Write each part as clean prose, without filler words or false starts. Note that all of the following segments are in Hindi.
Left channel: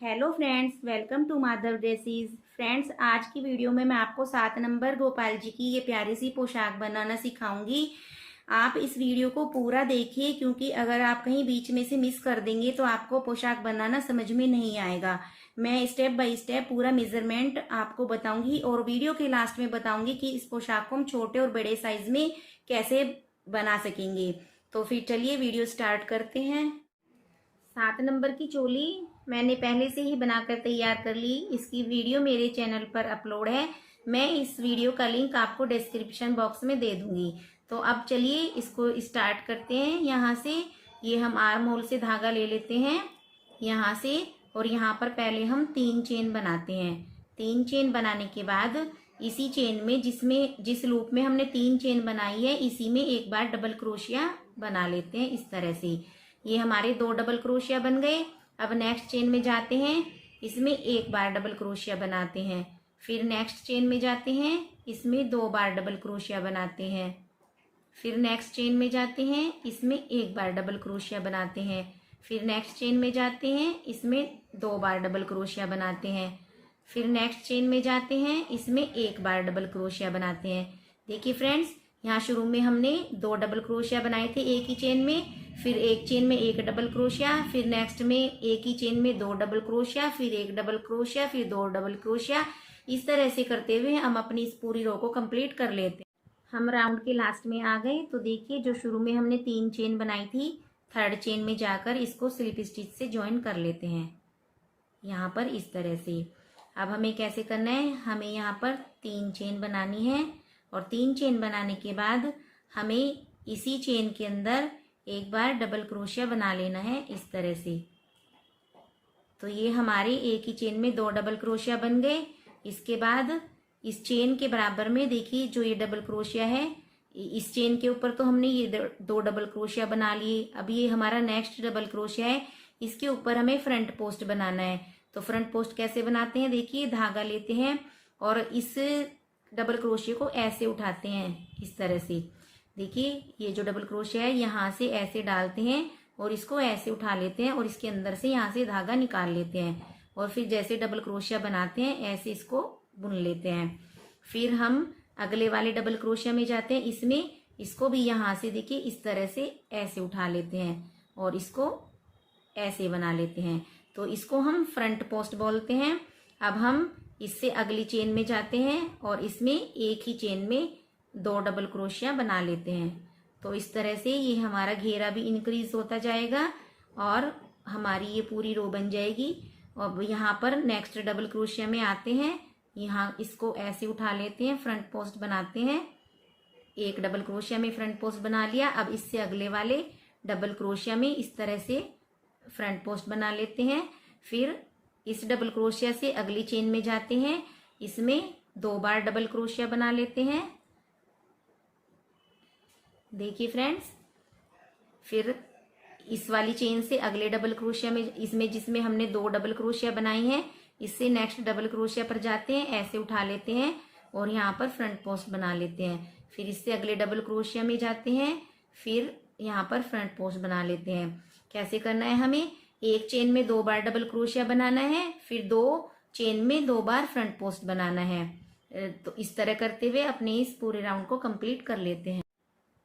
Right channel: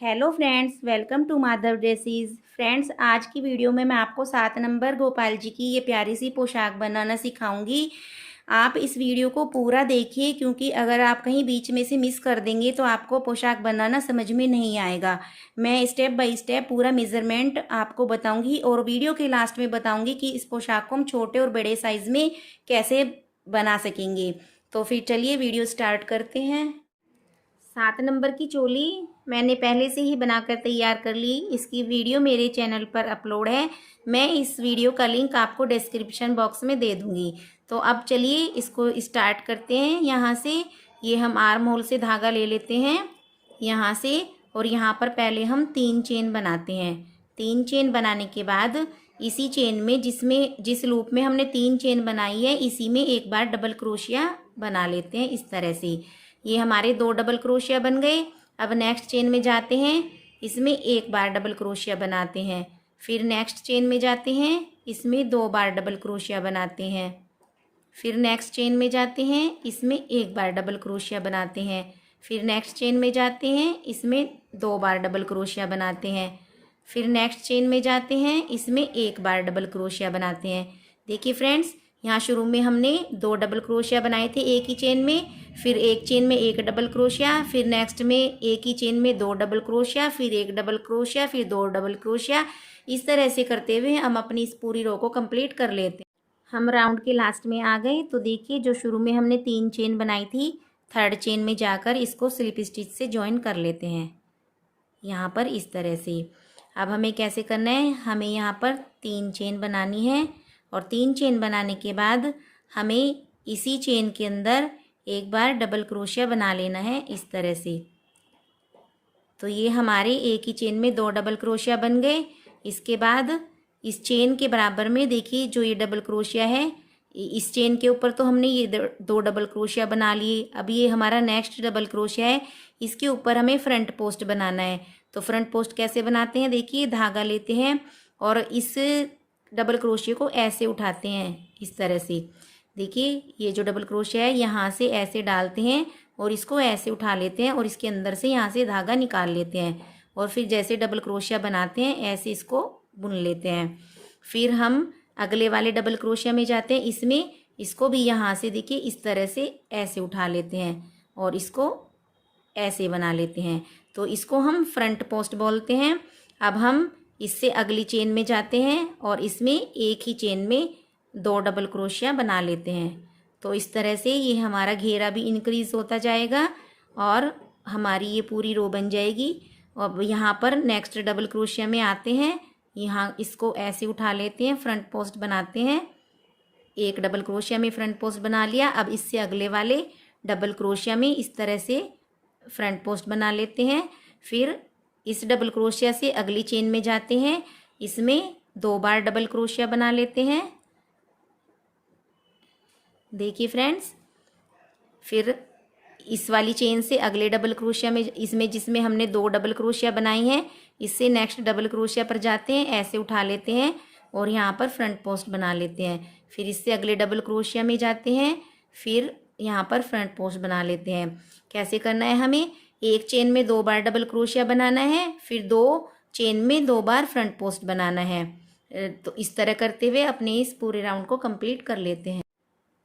Hello friends, welcome to Madhav dresses. Friends, आज की वीडियो में मैं आपको 7 नंबर गोपाल जी की ये प्यारी सी पोशाक बनाना सिखाऊंगी। आप इस वीडियो को पूरा देखिए, क्योंकि अगर आप कहीं बीच में से मिस कर देंगे तो आपको पोशाक बनाना समझ में नहीं आएगा। मैं स्टेप बाय स्टेप पूरा मेजरमेंट आपको बताऊंगी और वीडियो के लास्ट में बताऊंगी कि इस पोशाक को हम छोटे और बड़े साइज में कैसे बना सकेंगे। तो फिर चलिए वीडियो स्टार्ट करते हैं। 7 नंबर की चोली मैंने पहले से ही बनाकर तैयार कर ली। इसकी वीडियो मेरे चैनल पर अपलोड है। मैं इस वीडियो का लिंक आपको डिस्क्रिप्शन बॉक्स में दे दूंगी। तो अब चलिए इसको स्टार्ट करते हैं। यहाँ से ये हम आर्म होल से धागा ले लेते हैं यहाँ से, और यहाँ पर पहले हम 3 चेन बनाते हैं। 3 चेन बनाने के बाद इसी चेन में जिस लूप में हमने 3 चेन बनाई है, इसी में एक बार डबल क्रोशिया बना लेते हैं इस तरह से। ये हमारे 2 डबल क्रोशिया बन गए। अब नेक्स्ट चेन में जाते हैं, इसमें एक बार डबल क्रोशिया बनाते हैं। फिर नेक्स्ट चेन में जाते हैं, इसमें 2 बार डबल क्रोशिया बनाते हैं। फिर नेक्स्ट चेन में जाते हैं, इसमें एक बार डबल क्रोशिया बनाते हैं। फिर नेक्स्ट चेन में जाते हैं, इसमें 2 बार डबल क्रोशिया बनाते हैं। फिर नेक्स्ट चेन में जाते हैं, इसमें एक बार डबल क्रोशिया बनाते हैं। देखिए फ्रेंड्स, यहाँ शुरू में हमने 2 डबल क्रोशिया बनाए थे एक ही चेन में, फिर एक चेन में एक डबल क्रोशिया, फिर नेक्स्ट में एक ही चेन में 2 डबल क्रोशिया, फिर एक डबल क्रोशिया, फिर 2 डबल क्रोशिया। इस तरह से करते हुए हम अपनी इस पूरी रो को कंप्लीट कर लेते हैं। हम राउंड के लास्ट में आ गए। तो देखिए, जो शुरू में हमने 3 चेन बनाई थी, थर्ड चेन में जाकर इसको स्लिप स्टिच से ज्वाइन कर लेते हैं यहाँ पर इस तरह से। अब हमें कैसे करना है, हमें यहाँ पर 3 चेन बनानी है और 3 चेन बनाने के बाद हमें इसी चेन के अंदर एक बार डबल क्रोशिया बना लेना है इस तरह से। तो ये हमारे एक ही चेन में 2 डबल क्रोशिया बन गए। इसके बाद इस चेन के बराबर में देखिए, जो ये डबल क्रोशिया है, इस चेन के ऊपर तो हमने ये 2 डबल क्रोशिया बना लिए। अब ये हमारा नेक्स्ट डबल क्रोशिया है, इसके ऊपर हमें फ्रंट पोस्ट बनाना है। तो फ्रंट पोस्ट कैसे बनाते हैं, देखिए, धागा लेते हैं और इस डबल क्रोशिया को ऐसे उठाते हैं इस तरह से। देखिए, ये जो डबल क्रोशिया है यहाँ से ऐसे डालते हैं और इसको ऐसे उठा लेते हैं और इसके अंदर से यहाँ से धागा निकाल लेते हैं और फिर जैसे डबल क्रोशिया बनाते हैं ऐसे इसको बुन लेते हैं। फिर हम अगले वाले डबल क्रोशिया में जाते हैं, इसमें इसको भी यहाँ से देखिए इस तरह से ऐसे उठा लेते हैं और इसको ऐसे बना लेते हैं। तो इसको हम फ्रंट पोस्ट बोलते हैं। अब हम इससे अगली चेन में जाते हैं और इसमें एक ही चेन में 2 डबल क्रोशिया बना लेते हैं। तो इस तरह से ये हमारा घेरा भी इंक्रीज होता जाएगा और हमारी ये पूरी रो बन जाएगी। अब यहाँ पर नेक्स्ट डबल क्रोशिया में आते हैं, यहाँ इसको ऐसे उठा लेते हैं, फ्रंट पोस्ट बनाते हैं। एक डबल क्रोशिया में फ्रंट पोस्ट बना लिया। अब इससे अगले वाले डबल क्रोशिया में इस तरह से फ्रंट पोस्ट बना लेते हैं। फिर इस डबल क्रोशिया से अगली चेन में जाते हैं, इसमें 2 बार डबल क्रोशिया बना लेते हैं। देखिए फ्रेंड्स, फिर इस वाली चेन से अगले डबल क्रोशिया में, इसमें जिसमें हमने 2 डबल क्रोशिया बनाई हैं, इससे नेक्स्ट डबल क्रोशिया पर जाते हैं, ऐसे उठा लेते हैं और यहाँ पर फ्रंट पोस्ट बना लेते हैं। फिर इससे अगले डबल क्रोशिया में जाते हैं, फिर यहाँ पर फ्रंट पोस्ट बना लेते हैं। कैसे करना है, हमें एक चेन में 2 बार डबल क्रोशिया बनाना है, फिर 2 चेन में 2 बार फ्रंट पोस्ट बनाना है। तो इस तरह करते हुए अपने इस पूरे राउंड को कंप्लीट कर लेते हैं।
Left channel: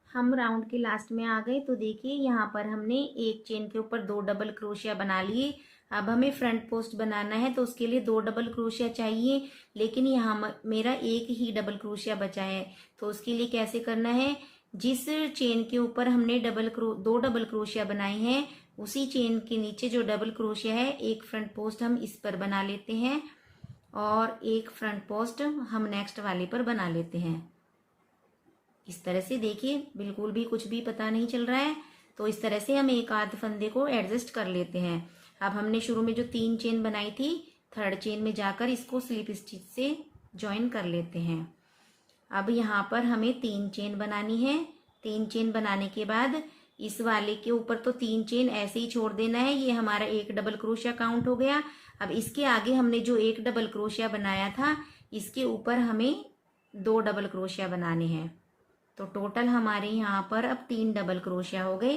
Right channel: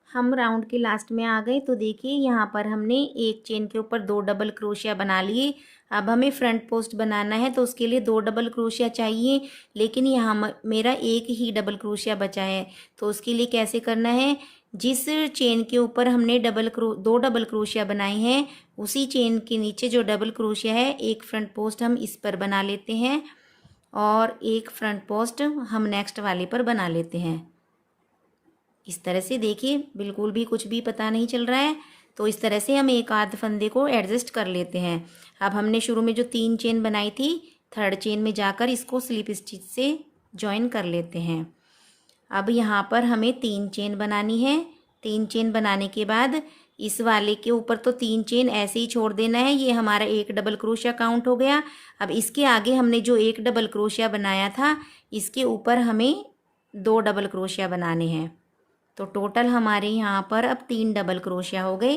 हम राउंड के लास्ट में आ गए। तो देखिए, यहाँ पर हमने एक चेन के ऊपर 2 डबल क्रोशिया बना लिए। अब हमें फ्रंट पोस्ट बनाना है, तो उसके लिए 2 डबल क्रोशिया चाहिए, लेकिन यहाँ मेरा एक ही डबल क्रोशिया बचा है। तो उसके लिए कैसे करना है, जिस चेन के ऊपर हमने 2 डबल क्रोशिया बनाए हैं, उसी चेन के नीचे जो डबल क्रोशिया है, एक फ्रंट पोस्ट हम इस पर बना लेते हैं और एक फ्रंट पोस्ट हम नेक्स्ट वाले पर बना लेते हैं इस तरह से। देखिए, बिल्कुल भी कुछ भी पता नहीं चल रहा है। तो इस तरह से हम एक आध फंदे को एडजस्ट कर लेते हैं। अब हमने शुरू में जो 3 चेन बनाई थी, थर्ड चेन में जाकर इसको स्लिप स्टिच से ज्वाइन कर लेते हैं। अब यहाँ पर हमें 3 चेन बनानी है। 3 चेन बनाने के बाद इस वाले के ऊपर तो 3 चेन ऐसे ही छोड़ देना है। ये हमारा एक डबल क्रोशिया काउंट हो गया। अब इसके आगे हमने जो एक डबल क्रोशिया बनाया था, इसके ऊपर हमें 2 डबल क्रोशिया बनाने हैं। तो टोटल हमारे यहाँ पर अब 3 डबल क्रोशिया हो गए।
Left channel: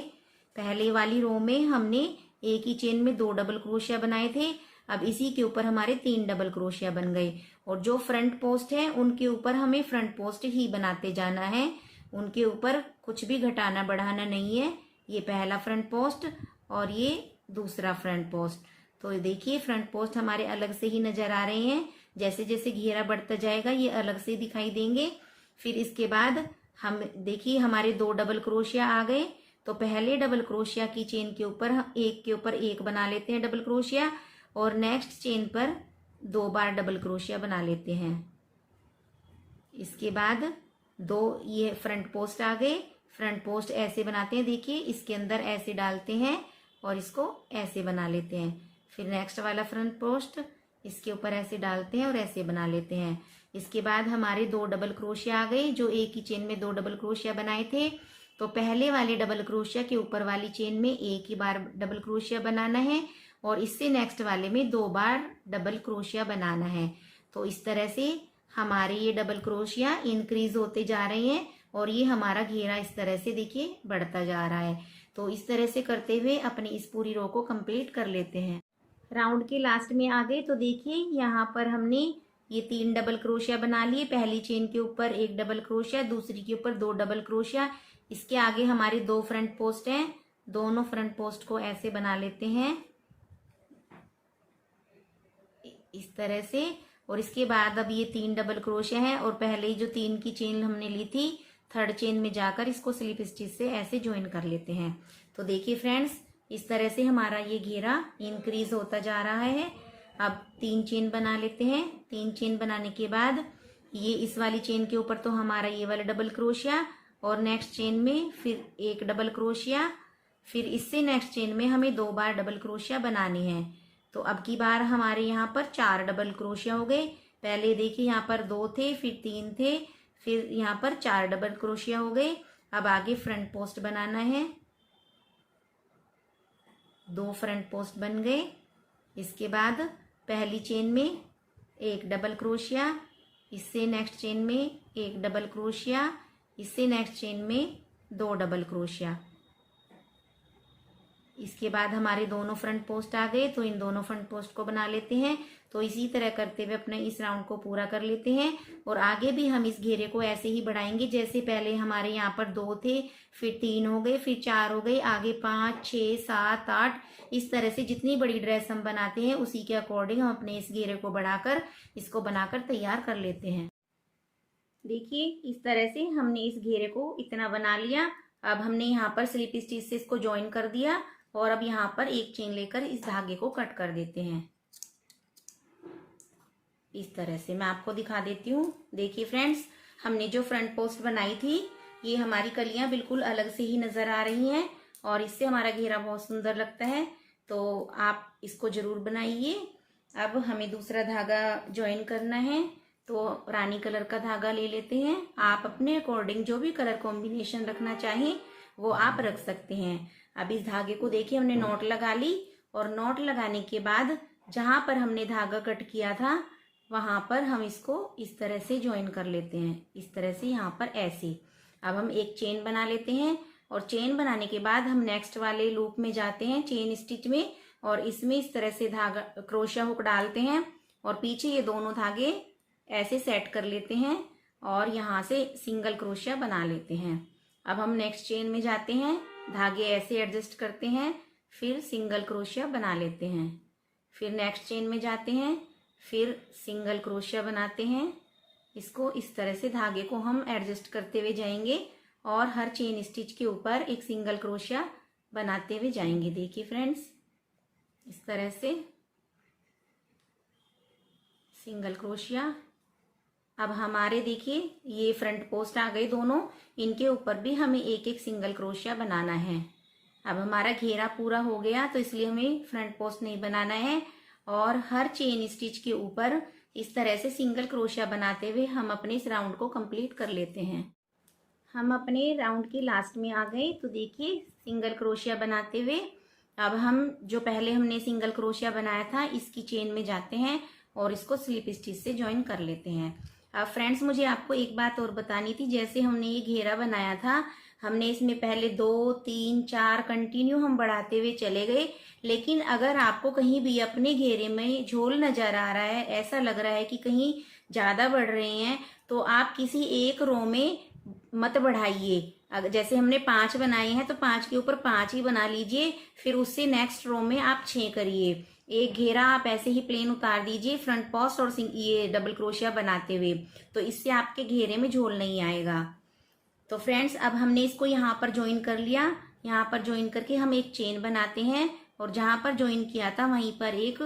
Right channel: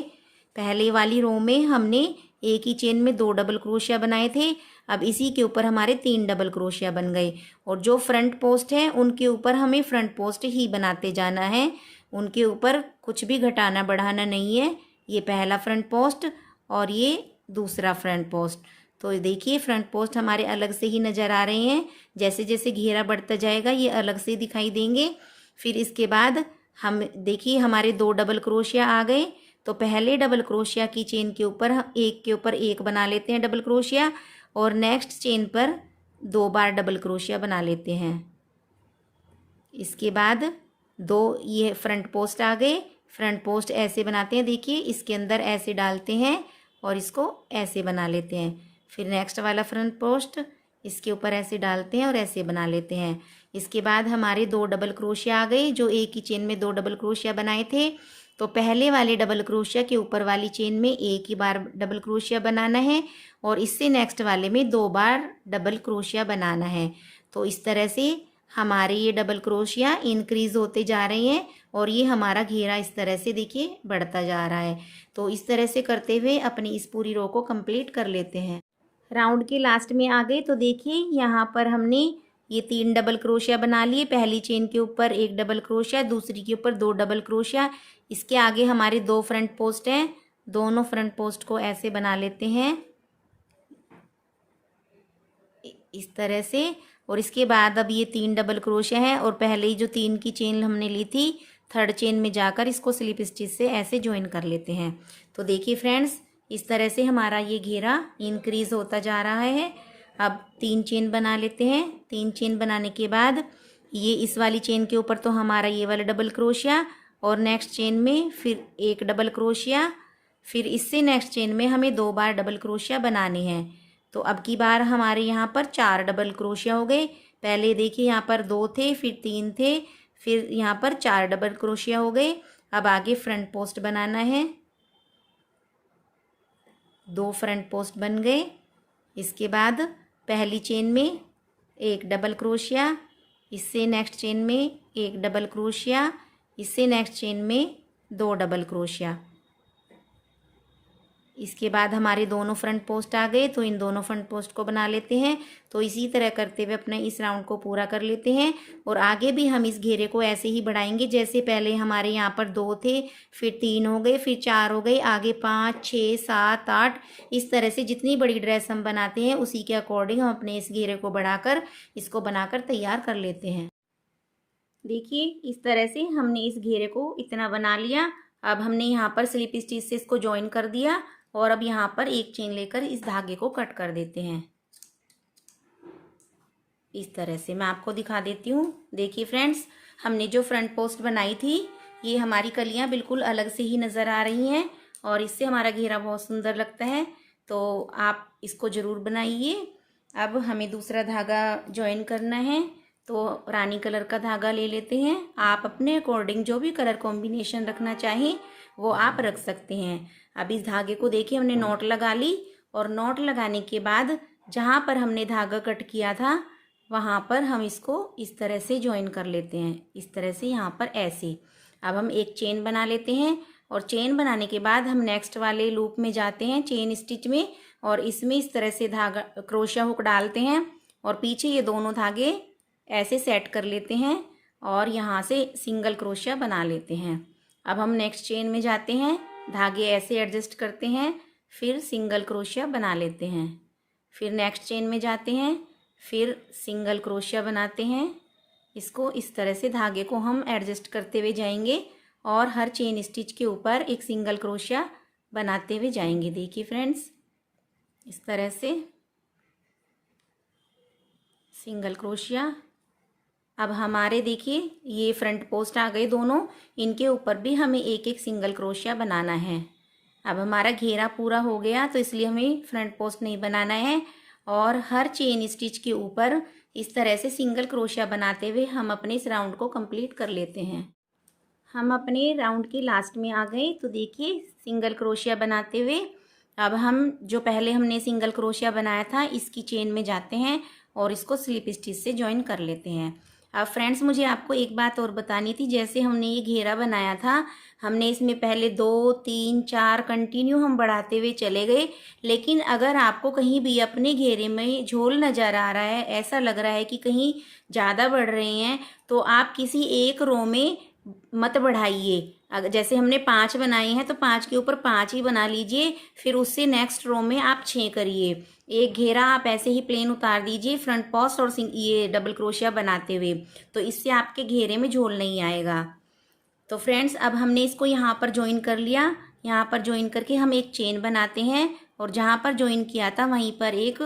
पहले वाली रो में हमने एक ही चेन में 2 डबल क्रोशिया बनाए थे। अब इसी के ऊपर हमारे 3 डबल क्रोशिया बन गए और जो फ्रंट पोस्ट है उनके ऊपर हमें फ्रंट पोस्ट ही बनाते जाना है, उनके ऊपर कुछ भी घटाना बढ़ाना नहीं है। ये पहला फ्रंट पोस्ट और ये दूसरा फ्रंट पोस्ट। तो देखिए फ्रंट पोस्ट हमारे अलग से ही नज़र आ रहे हैं, जैसे जैसे घेरा बढ़ता जाएगा ये अलग से दिखाई देंगे। फिर इसके बाद हम देखिए हमारे 2 डबल क्रोशिया आ गए। तो पहले डबल क्रोशिया की चेन के ऊपर हम एक के ऊपर एक बना लेते हैं डबल क्रोशिया और नेक्स्ट चेन पर 2 बार डबल क्रोशिया बना लेते हैं। इसके बाद 2 ये फ्रंट पोस्ट आ गए। फ्रंट पोस्ट ऐसे बनाते हैं, देखिए इसके अंदर ऐसे डालते हैं और इसको ऐसे बना लेते हैं। फिर नेक्स्ट वाला फ्रंट पोस्ट इसके ऊपर ऐसे डालते हैं और ऐसे बना लेते हैं। इसके बाद हमारे 2 डबल क्रोशिया आ गए, जो एक ही चेन में 2 डबल क्रोशिया बनाए थे। तो पहले वाले डबल क्रोशिया के ऊपर वाली चेन में एक ही बार डबल क्रोशिया बनाना है और इससे नेक्स्ट वाले में 2 बार डबल क्रोशिया बनाना है। तो इस तरह से हमारे ये डबल क्रोशिया इंक्रीज होते जा रहे हैं और ये हमारा घेरा इस तरह से देखिए बढ़ता जा रहा है। तो इस तरह से करते हुए अपनी इस पूरी रो को कंप्लीट कर लेते हैं। राउंड के लास्ट में आ गए तो देखिए यहाँ पर हमने ये 3 डबल क्रोशिया बना लिए। पहली चेन के ऊपर 1 डबल क्रोशिया, दूसरी के ऊपर 2 डबल क्रोशिया। इसके आगे हमारे 2 फ्रंट पोस्ट हैं, दोनों फ्रंट पोस्ट को ऐसे बना लेते हैं इस तरह से। और इसके बाद अब ये 3 डबल क्रोशिया है और पहले ही जो 3 की चेन हमने ली थी थर्ड चेन में जाकर इसको स्लिप स्टिच से ऐसे ज्वाइन कर लेते हैं। तो देखिए फ्रेंड्स इस तरह से हमारा ये घेरा इंक्रीज होता जा रहा है। अब 3 चेन बना लेते हैं। 3 चेन बनाने के बाद ये इस वाली चेन के ऊपर तो हमारा ये वाला डबल क्रोशिया और नेक्स्ट चेन में फिर 1 डबल क्रोशिया, फिर इससे नेक्स्ट चेन में हमें 2 बार डबल क्रोशिया बनाने हैं। तो अब की बार हमारे यहाँ पर 4 डबल क्रोशिया हो गए। पहले देखिए यहाँ पर 2 थे, फिर 3 थे, फिर यहाँ पर 4 डबल क्रोशिया हो गए। अब आगे फ्रंट पोस्ट बनाना है, 2 फ्रंट पोस्ट बन गए। इसके बाद पहली चेन में 1 डबल क्रोशिया, इससे नेक्स्ट चेन में 1 डबल क्रोशिया, इससे नेक्स्ट चेन में 2 डबल क्रोशिया। इसके बाद हमारे दोनों फ्रंट पोस्ट आ गए तो इन दोनों फ्रंट पोस्ट को बना लेते हैं। तो इसी तरह करते हुए अपने इस राउंड को पूरा कर लेते हैं और आगे भी हम इस घेरे को ऐसे ही बढ़ाएंगे। जैसे पहले हमारे यहाँ पर 2 थे, फिर 3 हो गए, फिर 4 हो गए, आगे 5, 6, 7, 8। इस तरह से जितनी बड़ी ड्रेस हम बनाते हैं उसी के अकॉर्डिंग हम अपने इस घेरे को बढ़ाकर इसको बनाकर तैयार कर लेते हैं। देखिए इस तरह से हमने इस घेरे को इतना बना लिया। अब हमने यहाँ पर स्लिप स्टिच से इसको ज्वाइन कर दिया और अब यहाँ पर एक चेन लेकर इस धागे को कट कर देते हैं। इस तरह से मैं आपको दिखा देती हूँ। देखिए फ्रेंड्स हमने जो फ्रंट पोस्ट बनाई थी ये हमारी कलियाँ बिल्कुल अलग से ही नज़र आ रही हैं और इससे हमारा घेरा बहुत सुंदर लगता है। तो आप इसको ज़रूर बनाइए। अब हमें दूसरा धागा ज्वाइन करना है तो रानी कलर का धागा ले लेते हैं। आप अपने अकॉर्डिंग जो भी कलर कॉम्बिनेशन रखना चाहें वो आप रख सकते हैं। अब इस धागे को देखिए हमने नॉट लगा ली और नॉट लगाने के बाद जहाँ पर हमने धागा कट किया था वहाँ पर हम इसको इस तरह से ज्वाइन कर लेते हैं, इस तरह से यहाँ पर ऐसे। अब हम एक चेन बना लेते हैं और चेन बनाने के बाद हम नेक्स्ट वाले लूप में जाते हैं चेन स्टिच में और इसमें इस तरह से धागा क्रोशिया हुक डालते हैं और पीछे ये दोनों धागे ऐसे सेट कर लेते हैं और यहाँ से सिंगल क्रोशिया बना लेते हैं। अब हम नेक्स्ट चेन में जाते हैं, धागे ऐसे एडजस्ट करते हैं, फिर सिंगल क्रोशिया बना लेते हैं। फिर नेक्स्ट चेन में जाते हैं, फिर सिंगल क्रोशिया बनाते हैं। इसको इस तरह से धागे को हम एडजस्ट करते हुए जाएंगे और हर चेन स्टिच के ऊपर एक सिंगल क्रोशिया बनाते हुए जाएंगे। देखिए फ्रेंड्स इस तरह से सिंगल क्रोशिया। अब हमारे देखिए ये फ्रंट पोस्ट आ गए दोनों, इनके ऊपर भी हमें एक एक सिंगल क्रोशिया बनाना है। अब हमारा घेरा पूरा हो गया तो इसलिए हमें फ्रंट पोस्ट नहीं बनाना है और हर चेन स्टिच के ऊपर इस तरह से सिंगल क्रोशिया बनाते हुए हम अपने इस राउंड को कंप्लीट कर लेते हैं। हम अपने राउंड के लास्ट में आ गए तो देखिए सिंगल क्रोशिया बनाते हुए अब हम जो पहले हमने सिंगल क्रोशिया बनाया था इसकी चेन में जाते हैं और इसको स्लिप स्टिच से ज्वाइन कर लेते हैं। अब फ्रेंड्स मुझे आपको एक बात और बतानी थी, जैसे हमने ये घेरा बनाया था हमने इसमें पहले 2 3 4 कंटिन्यू हम बढ़ाते हुए चले गए। लेकिन अगर आपको कहीं भी अपने घेरे में झोल नज़र आ रहा है, ऐसा लग रहा है कि कहीं ज़्यादा बढ़ रहे हैं, तो आप किसी एक रो में मत बढ़ाइए। अगर जैसे हमने 5 बनाए हैं तो 5 के ऊपर 5 ही बना लीजिए, फिर उससे नेक्स्ट रो में आप 6 करिए। एक घेरा आप ऐसे ही प्लेन उतार दीजिए फ्रंट पोस्ट और ये डबल क्रोशिया बनाते हुए, तो इससे आपके घेरे में झोल नहीं आएगा। तो फ्रेंड्स, अब हमने इसको यहाँ पर ज्वाइन कर लिया। यहाँ पर ज्वाइन करके हम एक चेन बनाते हैं और जहाँ पर ज्वाइन किया था वहीं पर एक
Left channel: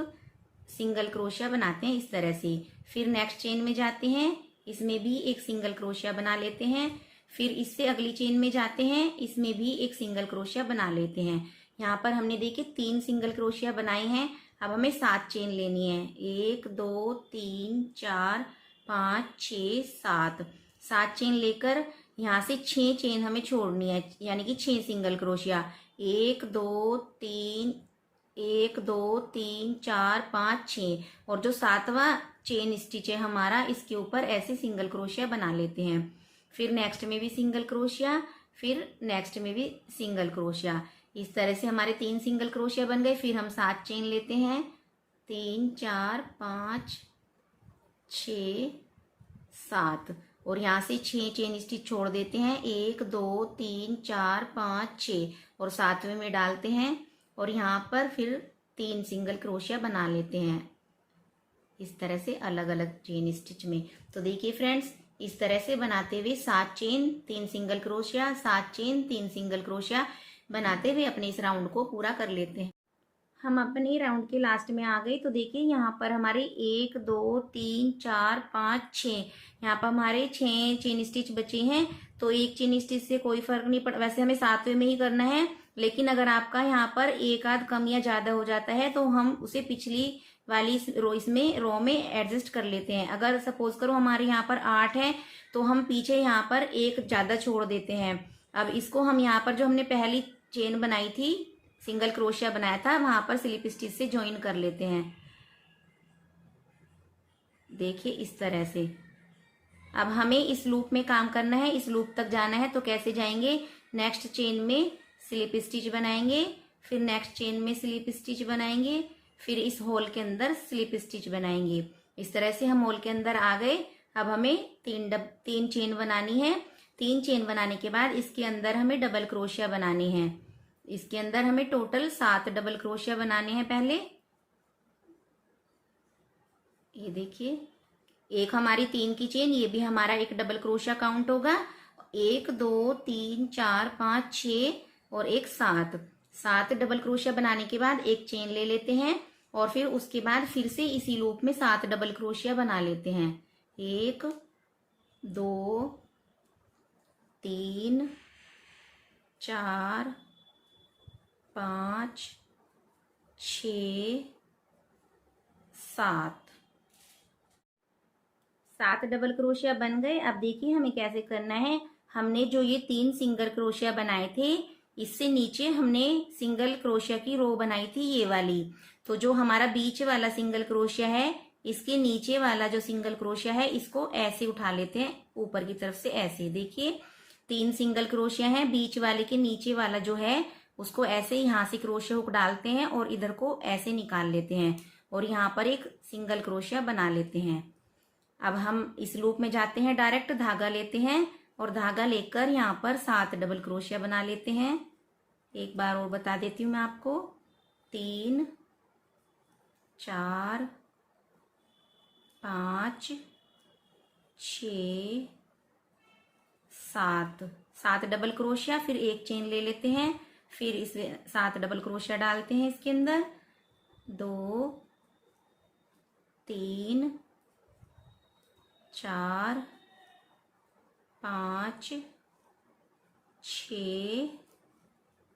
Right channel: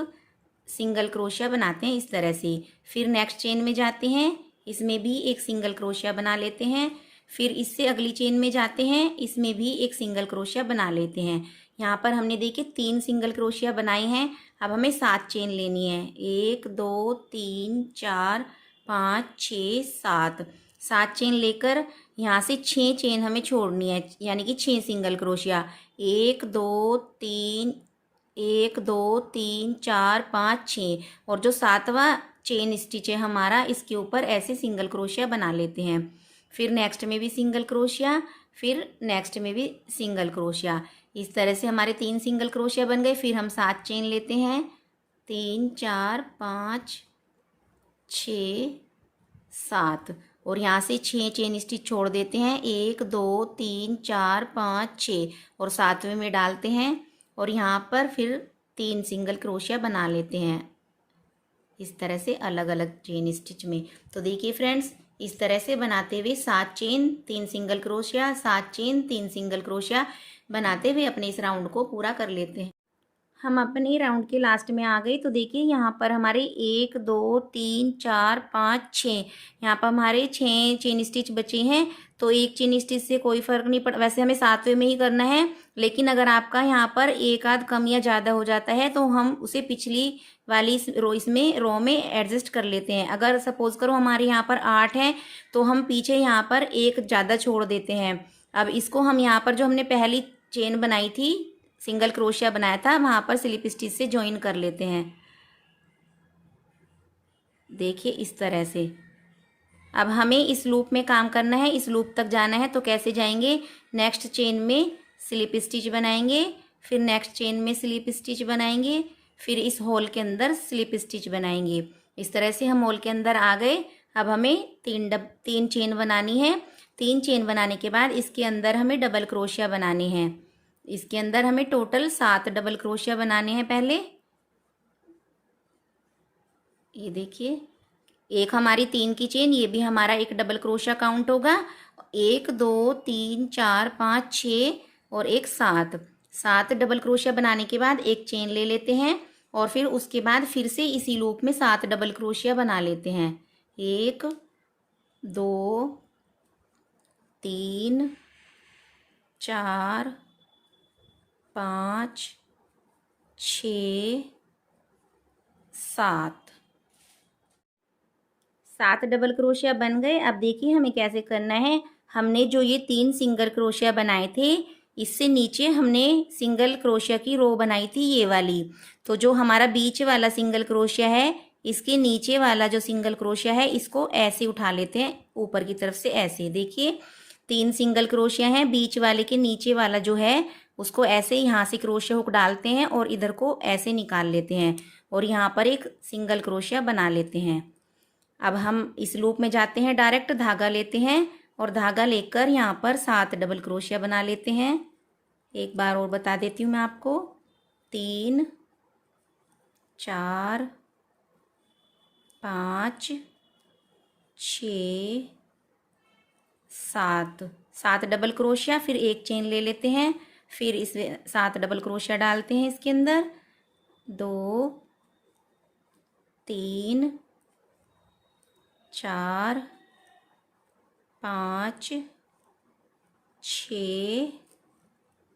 सिंगल क्रोशिया बनाते हैं इस तरह से। फिर नेक्स्ट चेन में जाते हैं, इसमें भी एक सिंगल क्रोशिया बना लेते हैं। फिर इससे अगली चेन में जाते हैं, इसमें भी एक सिंगल क्रोशिया बना लेते हैं। यहाँ पर हमने देखिए 3 सिंगल क्रोशिया बनाए हैं। अब हमें 7 चेन लेनी है। 1 2 3 4 5 6 7। 7 चेन लेकर यहाँ से 6 चेन हमें छोड़नी है, यानी कि 6 सिंगल क्रोशिया। 1 2 3 1 2 3 4 5 6। और जो 7वां चेन स्टिच है हमारा, इसके ऊपर ऐसे सिंगल क्रोशिया बना लेते हैं। फिर नेक्स्ट में भी सिंगल क्रोशिया, फिर नेक्स्ट में भी सिंगल क्रोशिया। इस तरह से हमारे 3 सिंगल क्रोशिया बन गए। फिर हम 7 चेन लेते हैं, 3 4 5 6 7। और यहाँ से 6 चेन स्टिच छोड़ देते हैं, 1 2 3 4 5 6 और 7वें में डालते हैं और यहाँ पर फिर 3 सिंगल क्रोशिया बना लेते हैं इस तरह से अलग अलग चेन स्टिच में। तो देखिए फ्रेंड्स, इस तरह से बनाते हुए 7 chain 3 single crochet, 7 chain 3 single crochet बनाते हुए अपने इस राउंड को पूरा कर लेते हैं। हम अपने राउंड के लास्ट में आ गए। तो देखिए यहाँ पर हमारे 1 2 3 4 5 6, यहाँ पर हमारे 6 चेन स्टिच बचे हैं। तो एक चेन स्टिच से कोई फर्क नहीं पड़, वैसे हमें 7वें में ही करना है, लेकिन अगर आपका यहाँ पर एक आध कम या ज़्यादा हो जाता है तो हम उसे पिछली वाली रो में एडजस्ट कर लेते हैं। अगर सपोज करो हमारे यहाँ पर 8 है तो हम पीछे यहाँ पर एक ज़्यादा छोड़ देते हैं। अब इसको हम यहाँ पर जो हमने पहली चेन बनाई थी, सिंगल क्रोशिया बनाया था, वहां पर स्लिप स्टिच से ज्वाइन कर लेते हैं। देखिए इस तरह से। अब हमें इस लूप में काम करना है, इस लूप तक जाना है। तो कैसे जाएंगे, नेक्स्ट चेन में स्लिप स्टिच बनाएंगे, फिर नेक्स्ट चेन में स्लिप स्टिच बनाएंगे, फिर इस होल के अंदर स्लिप स्टिच बनाएंगे। इस तरह से हम होल के अंदर आ गए। अब हमें 3 चेन बनानी है। 3 चेन बनाने के बाद इसके अंदर हमें डबल क्रोशिया बनानी है। इसके अंदर हमें टोटल 7 डबल क्रोशिया बनाने हैं पहले। ये देखिए, एक हमारी 3 की चेन, ये भी हमारा एक डबल क्रोशिया काउंट होगा। 1 2 3 4 5 6 और एक 7 डबल क्रोशिया बनाने के बाद एक चेन ले लेते हैं और फिर उसके बाद फिर से इसी लूप में 7 डबल क्रोशिया बना लेते हैं। 1 2 3 4 5 6 7 डबल क्रोशिया बन गए। अब देखिए हमें कैसे करना है। हमने जो ये 3 सिंगल क्रोशिया बनाए थे, इससे नीचे हमने सिंगल क्रोशिया की रो बनाई थी, ये वाली। तो जो हमारा बीच वाला सिंगल क्रोशिया है, इसके नीचे वाला जो सिंगल क्रोशिया है, इसको ऐसे उठा लेते हैं ऊपर की तरफ से, ऐसे। देखिए 3 सिंगल क्रोशिया हैं, बीच वाले के नीचे वाला जो है उसको ऐसे यहाँ से क्रोशिया हुक डालते हैं और इधर को ऐसे निकाल लेते हैं और यहाँ पर एक सिंगल क्रोशिया बना लेते हैं। अब हम इस लूप में जाते हैं, डायरेक्ट धागा लेते हैं और धागा लेकर यहाँ पर 7 डबल क्रोशिया बना लेते हैं। एक बार और बता देती हूँ मैं आपको, 3 4 5 6 7 डबल क्रोशिया, फिर एक चेन ले लेते हैं, फिर इस 7 डबल क्रोशिया डालते हैं इसके अंदर, 2 3 4 5 6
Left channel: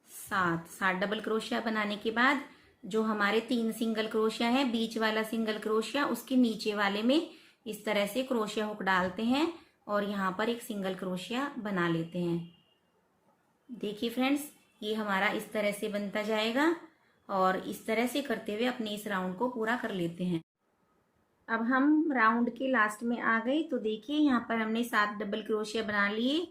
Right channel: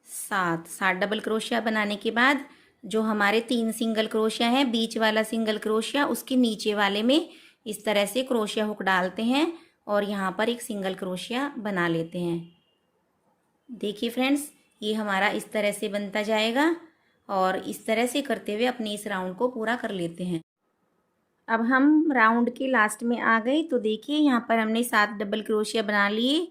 7 डबल क्रोशिया बनाने के बाद जो हमारे 3 सिंगल क्रोशिया हैं, बीच वाला सिंगल क्रोशिया उसके नीचे वाले में इस तरह से क्रोशिया हुक डालते हैं और यहाँ पर एक सिंगल क्रोशिया बना लेते हैं। देखिए फ्रेंड्स, ये हमारा इस तरह से बनता जाएगा और इस तरह से करते हुए अपने इस राउंड को पूरा कर लेते हैं। अब हम राउंड के लास्ट में आ गए। तो देखिए यहाँ पर हमने 7 डबल क्रोशिया बना लिए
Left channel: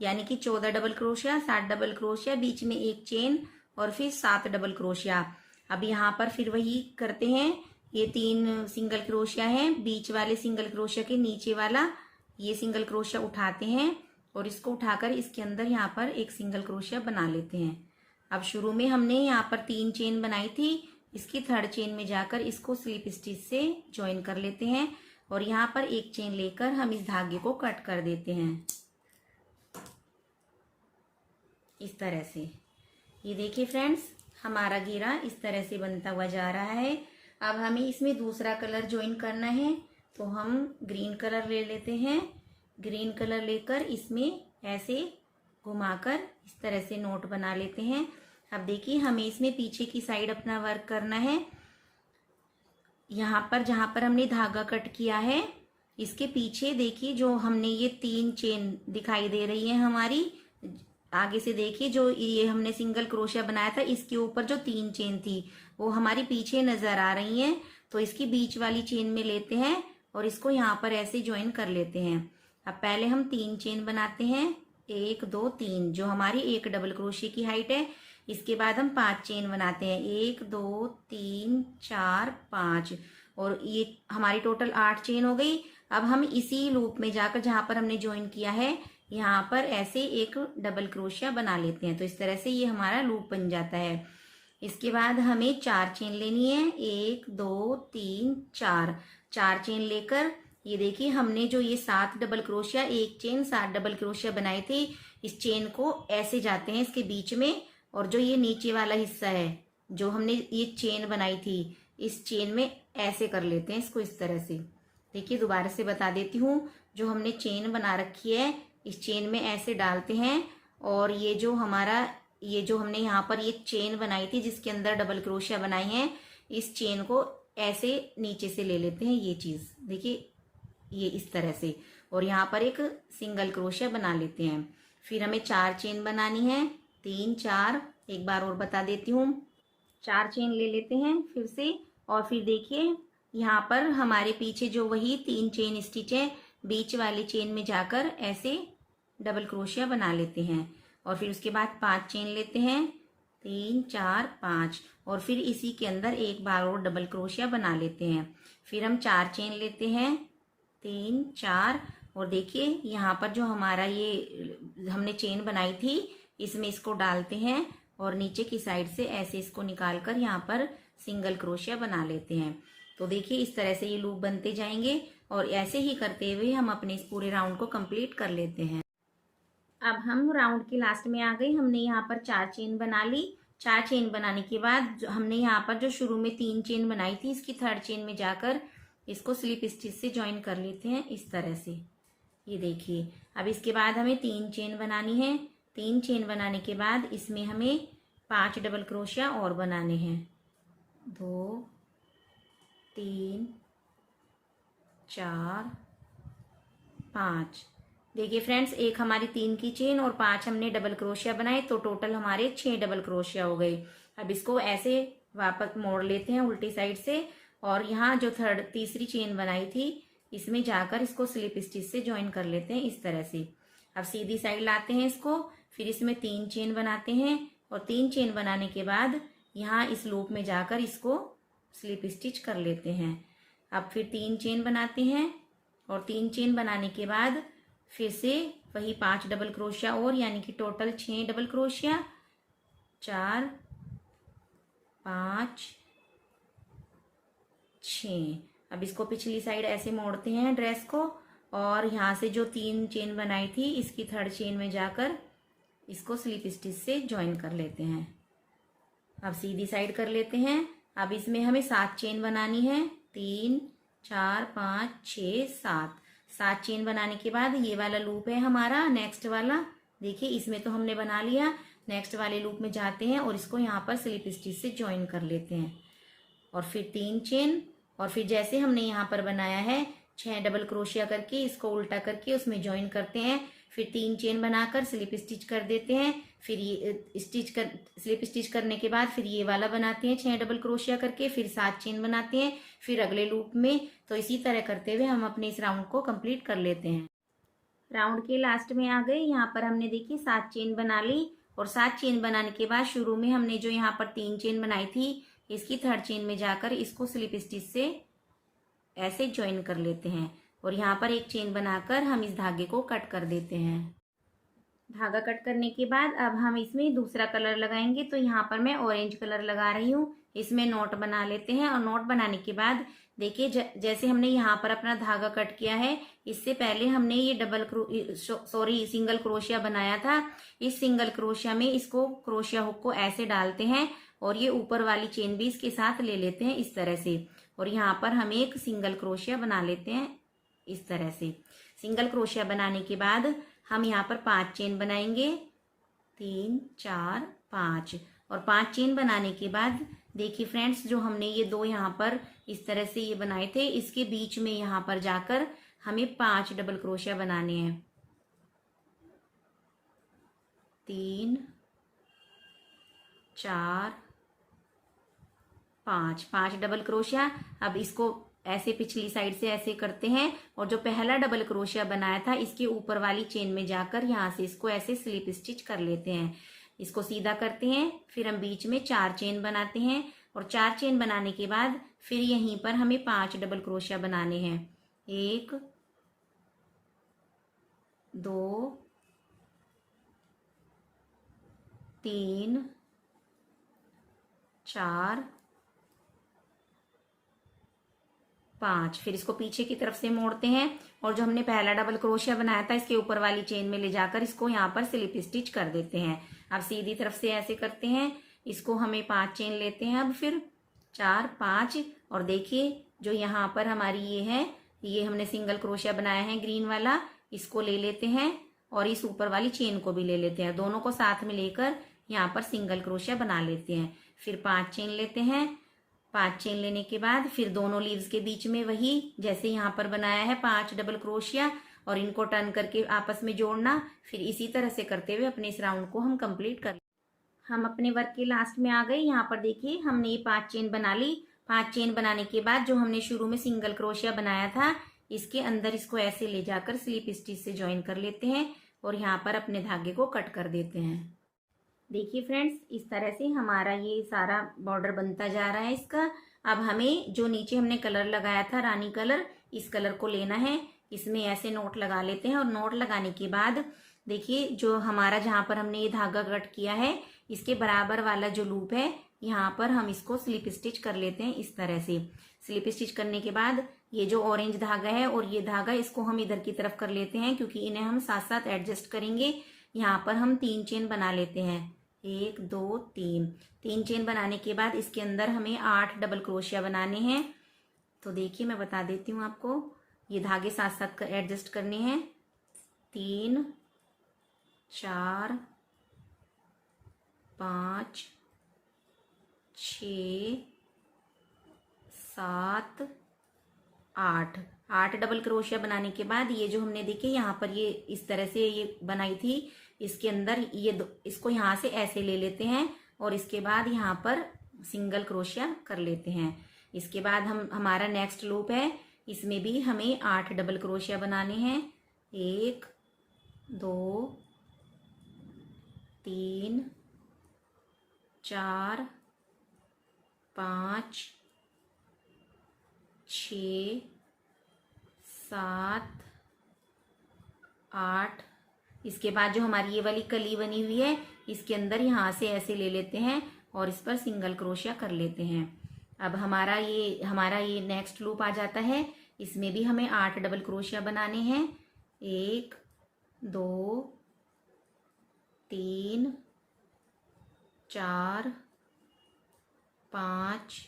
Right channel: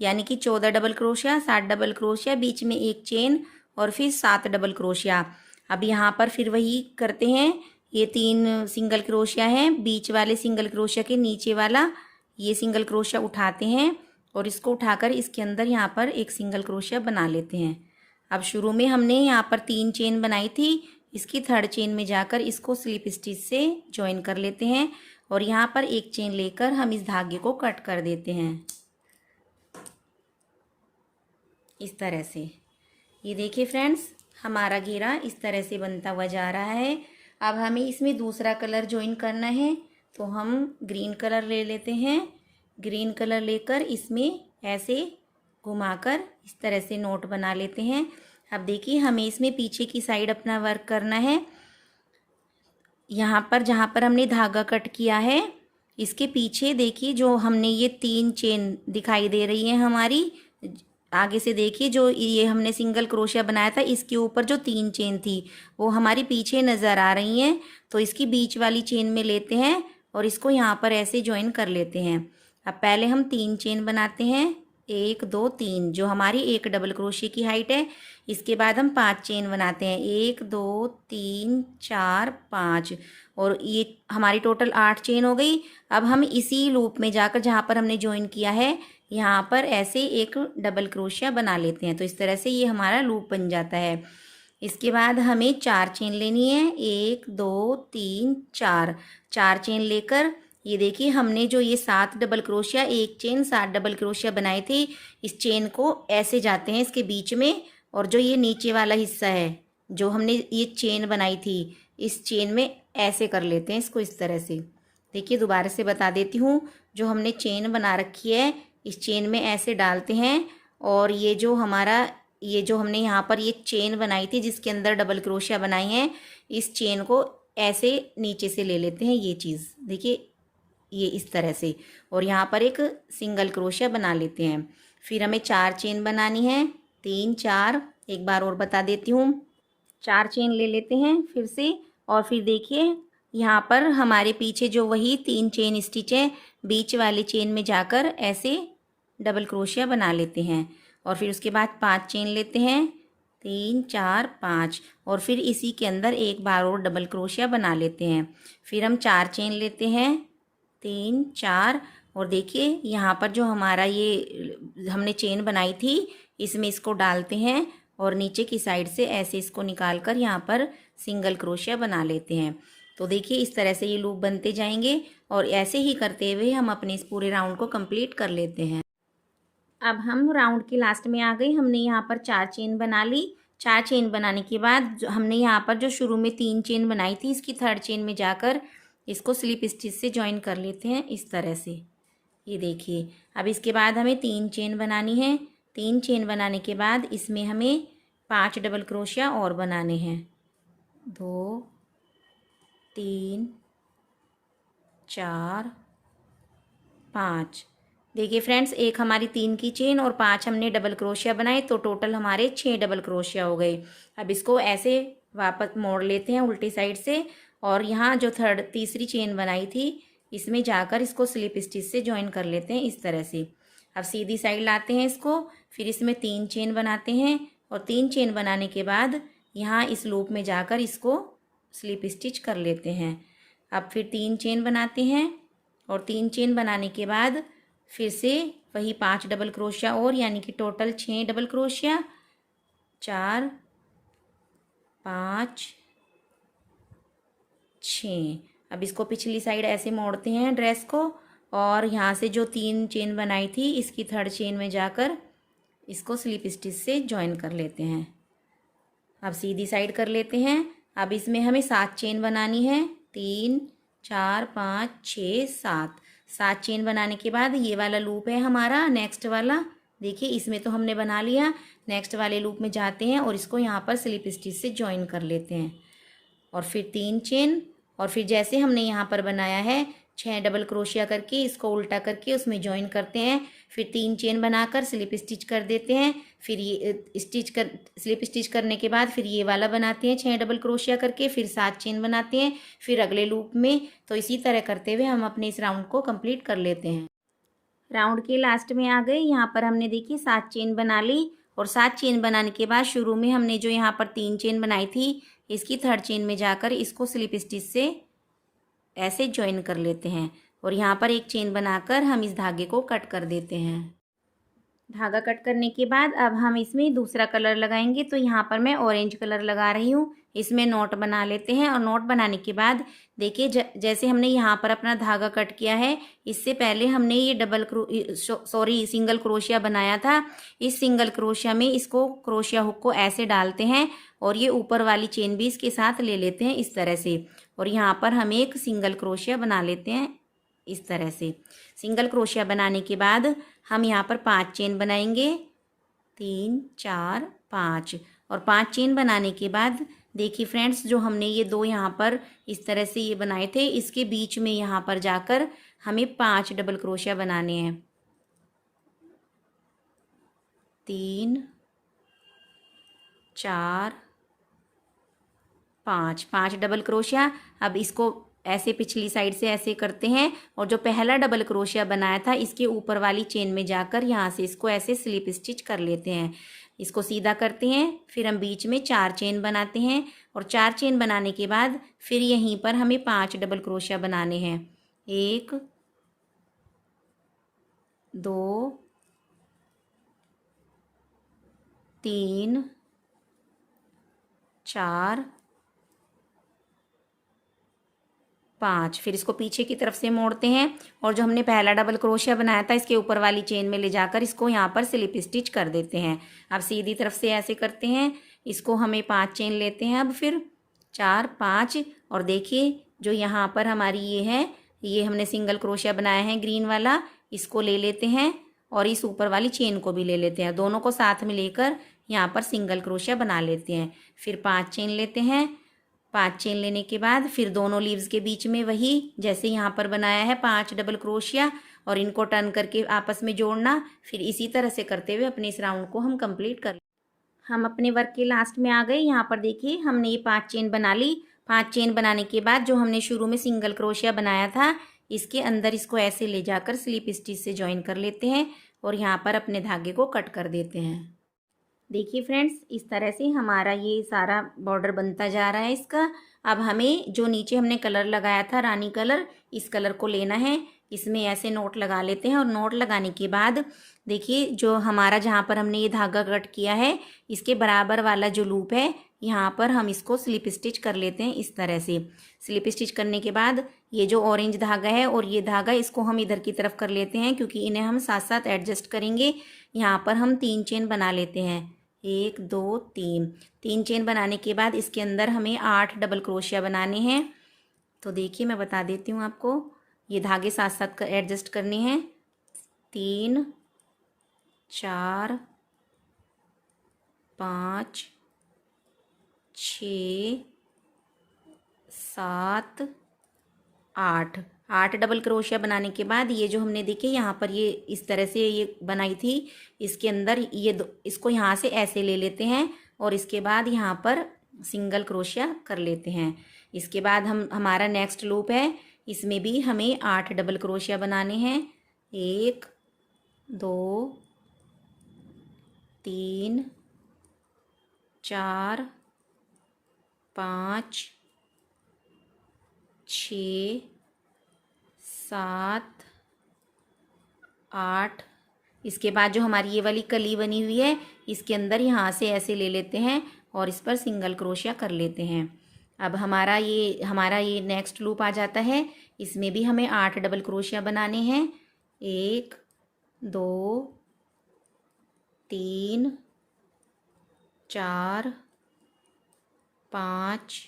यानी कि 14 डबल क्रोशिया, 7 डबल क्रोशिया, बीच में एक चेन और फिर 7 डबल क्रोशिया। अब यहाँ पर फिर वही करते हैं, ये 3 सिंगल क्रोशिया हैं, बीच वाले सिंगल क्रोशिया के नीचे वाला ये सिंगल क्रोशिया उठाते हैं और इसको उठाकर इसके अंदर यहाँ पर एक सिंगल क्रोशिया बना लेते हैं। अब शुरू में हमने यहाँ पर 3 चेन बनाई थी, इसकी थर्ड चेन में जाकर इसको स्लिप स्टिच से ज्वाइन कर लेते हैं और यहाँ पर एक चेन लेकर हम इस धागे को कट कर देते हैं इस तरह से। ये देखिए फ्रेंड्स, हमारा घेरा इस तरह से बनता हुआ जा रहा है। अब हमें इसमें दूसरा कलर ज्वाइन करना है, तो हम ग्रीन कलर ले लेते हैं। ग्रीन कलर लेकर इसमें ऐसे घुमाकर इस तरह से नोट बना लेते हैं। अब देखिए, हमें इसमें पीछे की साइड अपना वर्क करना है। यहाँ पर जहाँ पर हमने धागा कट किया है, इसके पीछे देखिए जो हमने ये 3 चेन दिखाई दे रही है हमारी, आगे से देखिए जो ये हमने सिंगल क्रोशिया बनाया था, इसके ऊपर जो 3 चेन थी वो हमारी पीछे नज़र आ रही हैं। तो इसकी बीच वाली चेन में लेते हैं और इसको यहाँ पर ऐसे ज्वाइन कर लेते हैं। अब पहले हम 3 चेन बनाते हैं, 1 2 3, जो हमारी एक डबल क्रोशिया की हाइट है। इसके बाद हम 5 चेन बनाते हैं, 1 2 3 4 5, और ये हमारी टोटल 8 चेन हो गई। अब हम इसी लूप में जाकर जहाँ पर हमने ज्वाइन किया है, यहाँ पर ऐसे एक डबल क्रोशिया बना लेते हैं। तो इस तरह से ये हमारा लूप बन जाता है। इसके बाद हमें 4 चेन लेनी है, 1 2 3 4, 4 चेन लेकर ये देखिए हमने जो ये 7 डबल क्रोशिया, एक चेन 7 डबल क्रोशिया बनाई थी, इस चेन को ऐसे जाते हैं इसके बीच में, और जो ये नीचे वाला हिस्सा है जो हमने ये चेन बनाई थी, इस चेन में ऐसे कर लेते हैं इसको इस तरह से। देखिए दोबारा से बता देती हूँ, जो हमने चेन बना रखी है इस चेन में ऐसे डालते हैं, और ये जो हमारा ये जो हमने यहाँ पर ये चेन बनाई थी जिसके अंदर डबल क्रोशिया बनाई है, इस चेन को ऐसे नीचे से ले लेते हैं, ये चीज़ देखिए ये इस तरह से, और यहाँ पर एक सिंगल क्रोशिया बना लेते हैं। फिर हमें 4 चेन बनानी है, 3 4, एक बार और बता देती हूँ, 4 चेन ले लेते हैं फिर से, और फिर देखिए यहाँ पर हमारे पीछे जो वही 3 चेन स्टिच है, बीच वाली चेन में जाकर ऐसे डबल क्रोशिया बना लेते हैं, और फिर उसके बाद 5 चेन लेते हैं, 3 4 5, और फिर इसी के अंदर एक बार और डबल क्रोशिया बना लेते हैं। फिर हम 4 चेन लेते हैं, 3 4, और देखिए यहाँ पर जो हमारा ये हमने चेन बनाई थी इसमें इसको डालते हैं और नीचे की साइड से ऐसे इसको निकाल कर यहाँ पर सिंगल क्रोशिया बना लेते हैं। तो देखिए इस तरह से ये लूप बनते जाएंगे, और ऐसे ही करते हुए हम अपने इस पूरे राउंड को कंप्लीट कर लेते हैं। अब हम राउंड के लास्ट में आ गए, हमने यहाँ पर 4 चेन बना ली। 4 चेन बनाने के बाद हमने यहाँ पर जो शुरू में 3 चेन बनाई थी, इसकी थर्ड चेन में जाकर इसको स्लिप स्टिच से ज्वाइन कर लेते हैं इस तरह से। ये देखिए, अब इसके बाद हमें 3 चेन बनानी है। 3 चेन बनाने के बाद इसमें हमें 5 डबल क्रोशिया और बनाने हैं, 2 3 4 5। देखिए फ्रेंड्स, एक हमारी 3 की चेन और 5 हमने डबल क्रोशिया बनाए, तो टोटल हमारे 6 डबल क्रोशिया हो गए। अब इसको ऐसे वापस मोड़ लेते हैं उल्टी साइड से, और यहाँ जो तीसरी चेन बनाई थी इसमें जाकर इसको स्लिप स्टिच से ज्वाइन कर लेते हैं इस तरह से। अब सीधी साइड लाते हैं इसको, फिर इसमें 3 चेन बनाते हैं, और 3 चेन बनाने के बाद यहाँ इस लूप में जाकर इसको स्लिप स्टिच कर लेते हैं। अब फिर 3 चेन बनाते हैं, और 3 चेन बनाने के बाद फिर से वही 5 डबल क्रोशिया और, यानी कि टोटल 6 डबल क्रोशिया, 4 5 6। अब इसको पिछली साइड ऐसे मोड़ते हैं ड्रेस को, और यहाँ से जो 3 चेन बनाई थी इसकी थर्ड चेन में जाकर इसको स्लिप स्टिच से ज्वाइन कर लेते हैं। अब सीधी साइड कर लेते हैं। अब इसमें हमें 7 चेन बनानी है, 3 4 5 6 7। 7 चेन बनाने के बाद ये वाला लूप है हमारा नेक्स्ट वाला, देखिए इसमें तो हमने बना लिया। नेक्स्ट वाले लूप में जाते हैं और इसको यहाँ पर स्लिप स्टिच से ज्वाइन कर लेते हैं, और फिर 3 चेन, और फिर जैसे हमने यहाँ पर बनाया है 6 डबल क्रोशिया करके इसको उल्टा करके उसमें ज्वाइन करते हैं। फिर 3 चेन बनाकर स्लिप स्टिच कर देते हैं। फिर ये स्लिप स्टिच करने के बाद फिर ये वाला बनाते हैं 6 डबल क्रोशिया करके, फिर 7 चेन बनाते हैं फिर अगले लूप में। तो इसी तरह करते हुए हम अपने इस राउंड को कंप्लीट कर लेते हैं। राउंड के लास्ट में आ गए। यहाँ पर हमने देखिए 7 चेन बना ली और 7 चेन बनाने के बाद शुरू में हमने जो यहाँ पर 3 चेन बनाई थी, इसकी 3rd चेन में जाकर इसको स्लिप स्टिच से ऐसे ज्वाइन कर लेते हैं और यहाँ पर एक चेन बनाकर हम इस धागे को कट कर देते हैं। धागा कट करने के बाद अब हम इसमें दूसरा कलर लगाएंगे। तो यहाँ पर मैं ऑरेंज कलर लगा रही हूँ। इसमें नॉट बना लेते हैं और नॉट बनाने के बाद देखिए जैसे हमने यहाँ पर अपना धागा कट किया है, इससे पहले हमने ये सिंगल क्रोशिया बनाया था। इस सिंगल क्रोशिया में इसको क्रोशिया हुक को ऐसे डालते हैं और ये ऊपर वाली चेन भी इसके साथ ले लेते हैं इस तरह से, और यहाँ पर हम एक सिंगल क्रोशिया बना लेते हैं इस तरह से। सिंगल क्रोशिया बनाने के बाद हम यहाँ पर 5 चेन बनाएंगे, 3 4 5, और 5 चेन बनाने के बाद देखिए फ्रेंड्स, जो हमने ये 2 यहाँ पर इस तरह से ये बनाए थे, इसके बीच में यहाँ पर जाकर हमें 5 डबल क्रोशिया बनाने हैं। 3 4 5 डबल क्रोशिया। अब इसको ऐसे पिछली साइड से ऐसे करते हैं और जो पहला डबल क्रोशिया बनाया था इसके ऊपर वाली चेन में जाकर यहाँ से इसको ऐसे स्लिप स्टिच कर लेते हैं। इसको सीधा करते हैं, फिर हम बीच में 4 चेन बनाते हैं और 4 चेन बनाने के बाद फिर यहीं पर हमें 5 डबल क्रोशिया बनाने हैं। 1 2 3 4 5। फिर इसको पीछे की तरफ से मोड़ते हैं और जो हमने पहला डबल क्रोशिया बनाया था इसके ऊपर वाली चेन में ले जाकर इसको यहाँ पर स्लिप स्टिच कर देते हैं। अब सीधी तरफ से ऐसे करते हैं, इसको हमें 5 चेन लेते हैं। अब फिर 4 5, और देखिए जो यहाँ पर हमारी ये है, ये हमने सिंगल क्रोशिया बनाया है ग्रीन वाला, इसको ले लेते हैं और इस ऊपर वाली चेन को भी ले लेते हैं। दोनों को साथ में लेकर यहाँ पर सिंगल क्रोशिया बना लेते हैं। फिर 5 चेन लेते हैं। 5 चेन लेने के बाद फिर दोनों लीव्स के बीच में वही जैसे यहाँ पर बनाया है 5 डबल क्रोशिया, और इनको टर्न करके आपस में जोड़ना। फिर इसी तरह से करते हुए अपने इस राउंड को हम कंप्लीट कर। हम अपने वर्क के लास्ट में आ गए। यहाँ पर देखिए हमने ये 5 चेन बना ली। 5 चेन बनाने के बाद जो हमने शुरू में सिंगल क्रोशिया बनाया था इसके अंदर इसको ऐसे ले जाकर स्लिप स्टिच से ज्वाइन कर लेते हैं और यहाँ पर अपने धागे को कट कर देते हैं। देखिए फ्रेंड्स, इस तरह से हमारा ये सारा बॉर्डर बनता जा रहा है इसका। अब हमें जो नीचे हमने कलर लगाया था रानी कलर, इस कलर को लेना है। इसमें ऐसे नोट लगा लेते हैं और नोट लगाने के बाद देखिए जो हमारा जहाँ पर हमने ये धागा कट किया है इसके बराबर वाला जो लूप है यहाँ पर हम इसको स्लिप स्टिच कर लेते हैं इस तरह से। स्लिप स्टिच करने के बाद ये जो ऑरेंज धागा है और ये धागा इसको हम इधर की तरफ कर लेते हैं क्योंकि इन्हें हम साथ साथ एडजस्ट करेंगे। यहाँ पर हम 3 चेन बना लेते हैं, 1 2 3। 3 चेन बनाने के बाद इसके अंदर हमें 8 डबल क्रोशिया बनाने हैं। तो देखिए मैं बता देती हूँ आपको, ये धागे साथ साथ एडजस्ट करने हैं। 3 4 5 6 7 8 डबल क्रोशिया बनाने के बाद ये जो हमने देखे यहाँ पर ये इस तरह से ये बनाई थी, इसके अंदर ये इसको यहाँ से ऐसे ले लेते हैं और इसके बाद यहाँ पर सिंगल क्रोशिया कर लेते हैं। इसके बाद हमारा नेक्स्ट लूप है, इसमें भी हमें 8 डबल क्रोशिया बनाने हैं। 1 2 3 4 5 6 7 8। इसके बाद जो हमारी ये वाली कली बनी हुई है इसके अंदर यहाँ से ऐसे ले लेते हैं और इस पर सिंगल क्रोशिया कर लेते हैं। अब हमारा ये नेक्स्ट लूप आ जाता है। इसमें भी हमें 8 डबल क्रोशिया बनाने हैं। 1 2 3 4 5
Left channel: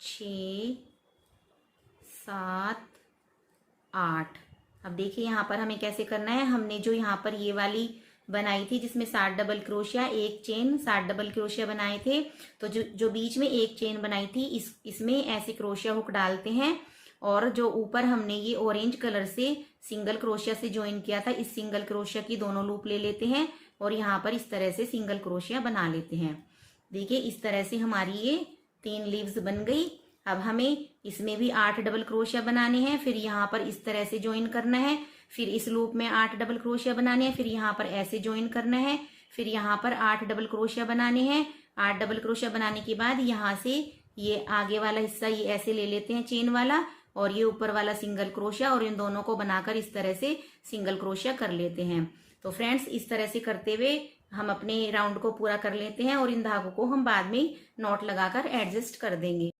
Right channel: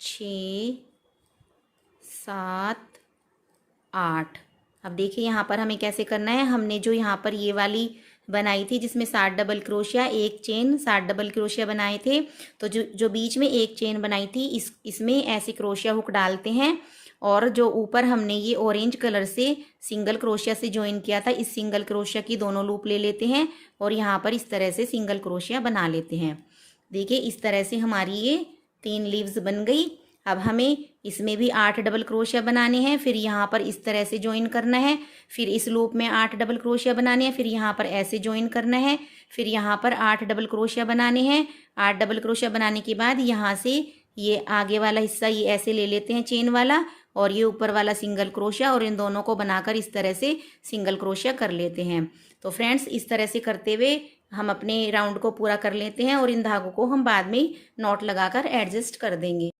6 7 8। अब देखिए यहाँ पर हमें कैसे करना है। हमने जो यहाँ पर ये वाली बनाई थी जिसमें 7 डबल क्रोशिया, एक चेन, 7 डबल क्रोशिया बनाए थे, तो जो बीच में एक चेन बनाई थी इसमें ऐसे क्रोशिया हुक डालते हैं और जो ऊपर हमने ये ऑरेंज कलर से सिंगल क्रोशिया से ज्वाइन किया था इस सिंगल क्रोशिया की दोनों लूप ले लेते हैं और यहाँ पर इस तरह से सिंगल क्रोशिया बना लेते हैं। देखिए इस तरह से हमारी ये 3 लीव्स बन गई। अब हमें इसमें भी 8 डबल क्रोशिया बनाने हैं, फिर यहाँ पर इस तरह से ज्वाइन करना है, फिर इस लूप में 8 डबल क्रोशिया बनाने हैं, फिर यहाँ पर ऐसे ज्वाइन करना है, फिर यहाँ पर 8 डबल क्रोशिया बनाने हैं। 8 डबल क्रोशिया बनाने के बाद यहाँ से ये आगे वाला हिस्सा ये ऐसे ले लेते हैं चेन वाला, और ये ऊपर वाला सिंगल क्रोशिया, और इन दोनों को बनाकर इस तरह से सिंगल क्रोशिया कर लेते हैं। तो फ्रेंड्स, इस तरह से करते हुए हम अपने राउंड को पूरा कर लेते हैं, और इन धागों को हम बाद में नॉट लगाकर एडजस्ट कर देंगे।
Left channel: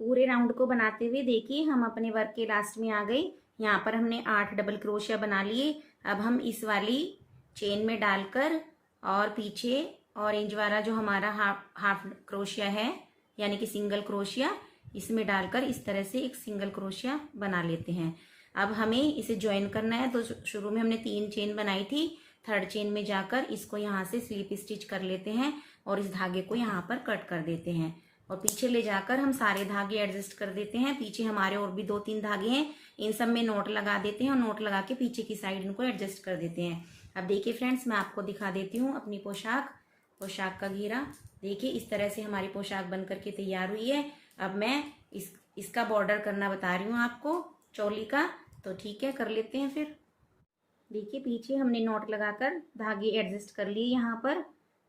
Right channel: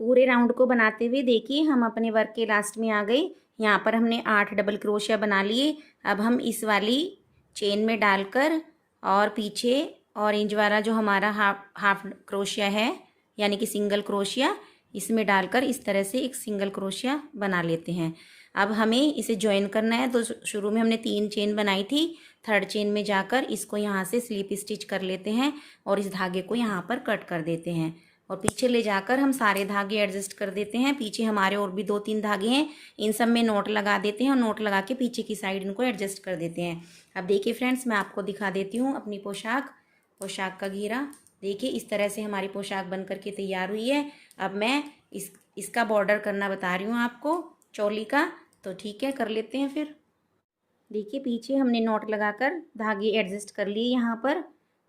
पूरे राउंड को बनाते हुए देखिए हम अपने वर्क के लास्ट में आ गए। यहाँ पर हमने 8 डबल क्रोशिया बना लिए। अब हम इस वाली चेन में डालकर और पीछे ऑरेंज वाला जो हमारा हाफ क्रोशिया है यानी कि सिंगल क्रोशिया, इसमें डालकर इस तरह से एक सिंगल क्रोशिया बना लेते हैं। अब हमें इसे ज्वाइन करना है, तो शुरू में हमने 3 चेन बनाई थी, 3rd चेन में जाकर इसको यहाँ से स्लिप स्टिच कर लेते हैं और इस धागे को यहाँ पर कट कर देते हैं, और पीछे ले जाकर हम सारे धागे एडजस्ट कर देते हैं। पीछे हमारे और भी 2-3 धागे हैं, इन सब में नोट लगा देते हैं, और नोट लगा के पीछे की साइड इनको एडजस्ट कर देते हैं। अब देखिए फ्रेंड्स, मैं आपको दिखा देती हूँ अपनी पोशाक का घेरा। देखिए इस तरह से हमारी पोशाक बन करके तैयार हुई है। अब मैं इसका बॉर्डर करना बता रही हूँ आपको चोली का, तो ठीक है कर लेते हैं। फिर देखिए पीछे हमने नॉट लगाकर धागे एडजस्ट कर लिए, यहाँ पर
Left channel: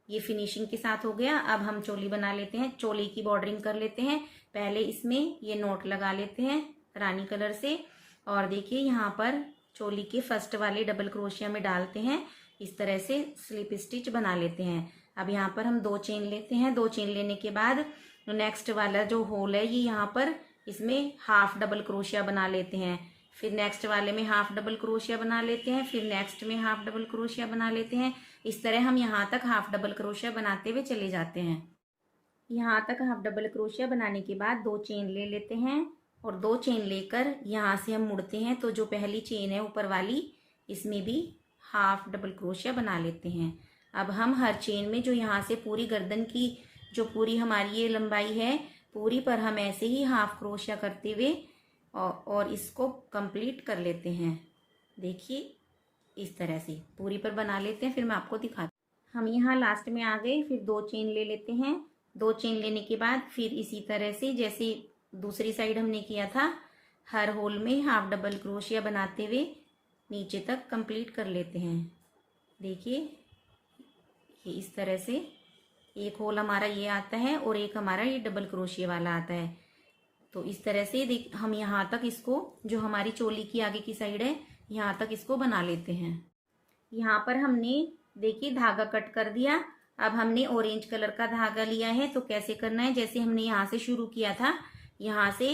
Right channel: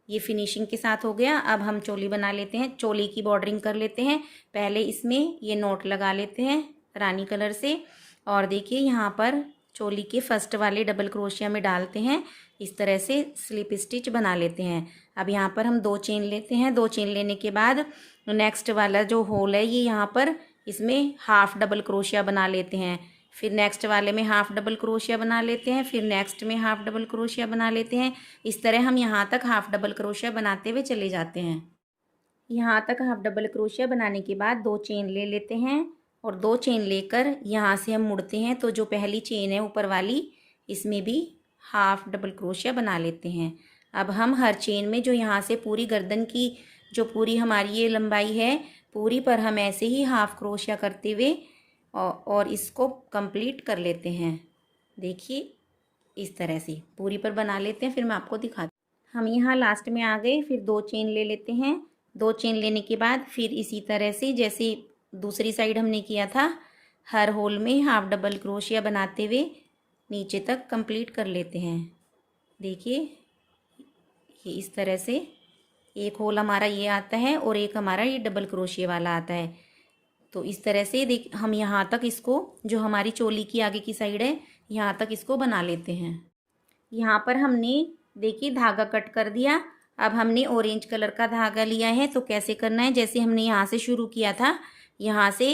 ये फिनिशिंग के साथ हो गया। अब हम चोली बना लेते हैं, चोली की बॉर्डरिंग कर लेते हैं। पहले इसमें ये नोट लगा लेते हैं रानी कलर से, और देखिए यहाँ पर चोली के फर्स्ट वाले डबल क्रोशिया में डालते हैं, इस तरह से स्लिप स्टिच बना लेते हैं। अब यहाँ पर हम 2 चेन लेते हैं। 2 चेन लेने के बाद नेक्स्ट वाला जो होल है ये यहाँ पर इसमें हाफ डबल क्रोशिया बना लेते हैं, फिर नेक्स्ट वाले में हाफ डबल क्रोशिया बना लेते हैं, फिर नेक्स्ट में हाफ डबल क्रोशिया बना लेते हैं। इस तरह हम यहाँ तक हाफ डबल क्रोशिया बनाते हुए चले जाते हैं। यहाँ तक हाफ डबल क्रोशिया बनाने के बाद 2 चेन ले लेते हैं, और 2 चेन लेकर यहाँ से हम मुड़ते हैं, तो जो पहली चेन है ऊपर वाली इसमें भी हाफ डबल क्रोशिया बना लेते हैं। अब हम हर चेन में जो यहाँ से पूरी गर्दन की जो पूरी हमारी ये लंबाई है पूरी पर हम ऐसे ही हाफ क्रोशिया करते हुए और इसको कंप्लीट कर लेते हैं। देखिए इस तरह से पूरी पर बना लेते हैं, फिर मैं आपको दिखाती हूँ। हम यहाँ लास्ट में आ गए, फिर 2 चेन ले लेते हैं। 2 चेन लेने के बाद फिर इसी तरह से जैसे दूसरी साइड हमने किया था, हर होल में हाफ डबल क्रोशिया बनाते हुए नीचे तक कंप्लीट कर लेते हैं। देखिए ये इस तरह से एक होल हमारा ये आता है और एक हमारा ये डबल क्रोशिया वाला आता है। तो इस तरह से देख हम यहाँ तक इसको जो हमारी चोली की आगे की साइड है यहाँ तक इसको बना लेते हैं। यहाँ पर हमने देखिए धागा कट कर दिया। अब हमने ऑरेंज कलर का धागा लिया है, तो कैसे करना है, जैसे हमने यहाँ से शुरू किया था यहाँ से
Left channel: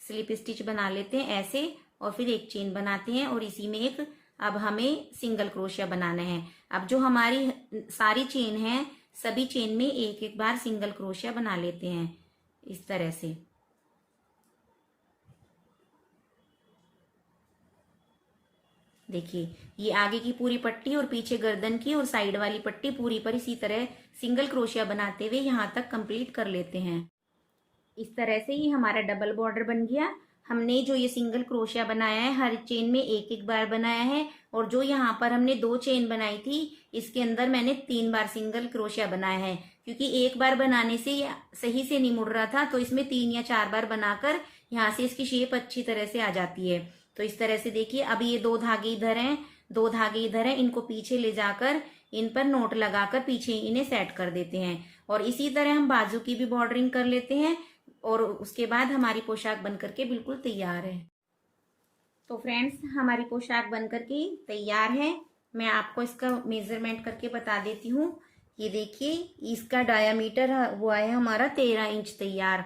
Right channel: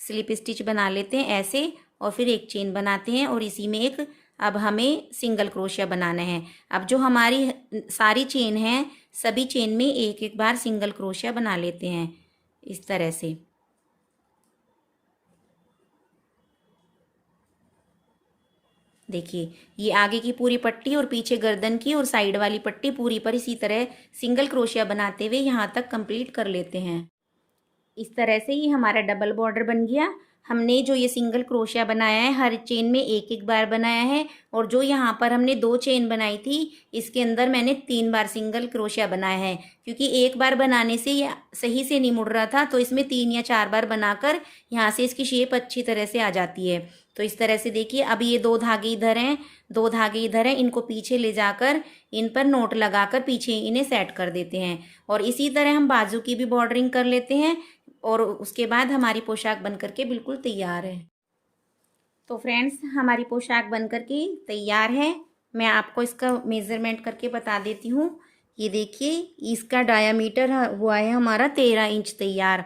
स्लिप स्टिच बना लेते हैं ऐसे, और फिर एक चेन बनाते हैं और इसी में एक अब हमें सिंगल क्रोशिया बनाना है। अब जो हमारी सारी चेन है सभी चेन में एक एक बार सिंगल क्रोशिया बना लेते हैं इस तरह से। देखिए ये आगे की पूरी पट्टी और पीछे गर्दन की और साइड वाली पट्टी पूरी पर इसी तरह सिंगल क्रोशिया बनाते हुए यहाँ तक कंप्लीट कर लेते हैं। इस तरह से ये हमारा डबल बॉर्डर बन गया। हमने जो ये सिंगल क्रोशिया बनाया है हर चेन में एक एक बार बनाया है, और जो यहाँ पर हमने 2 चेन बनाई थी इसके अंदर मैंने 3 बार सिंगल क्रोशिया बनाया है, क्योंकि एक बार बनाने से ये सही से नहीं मुड़ रहा था, तो इसमें 3 या 4 बार बनाकर यहाँ से इसकी शेप अच्छी तरह से आ जाती है। तो इस तरह से देखिए अब ये 2 धागे इधर हैं, 2 धागे इधर हैं, इनको पीछे ले जाकर इन पर नोट लगाकर पीछे इन्हें सेट कर देते हैं, और इसी तरह हम बाजू की भी बॉर्डरिंग कर लेते हैं, और उसके बाद हमारी पोशाक बन करके बिल्कुल तैयार है। तो फ्रेंड्स हमारी पोशाक बन करके तैयार है। मैं आपको इसका मेज़रमेंट करके बता देती हूँ। ये देखिए इसका डायामीटर हुआ है हमारा 13 इंच तैयार,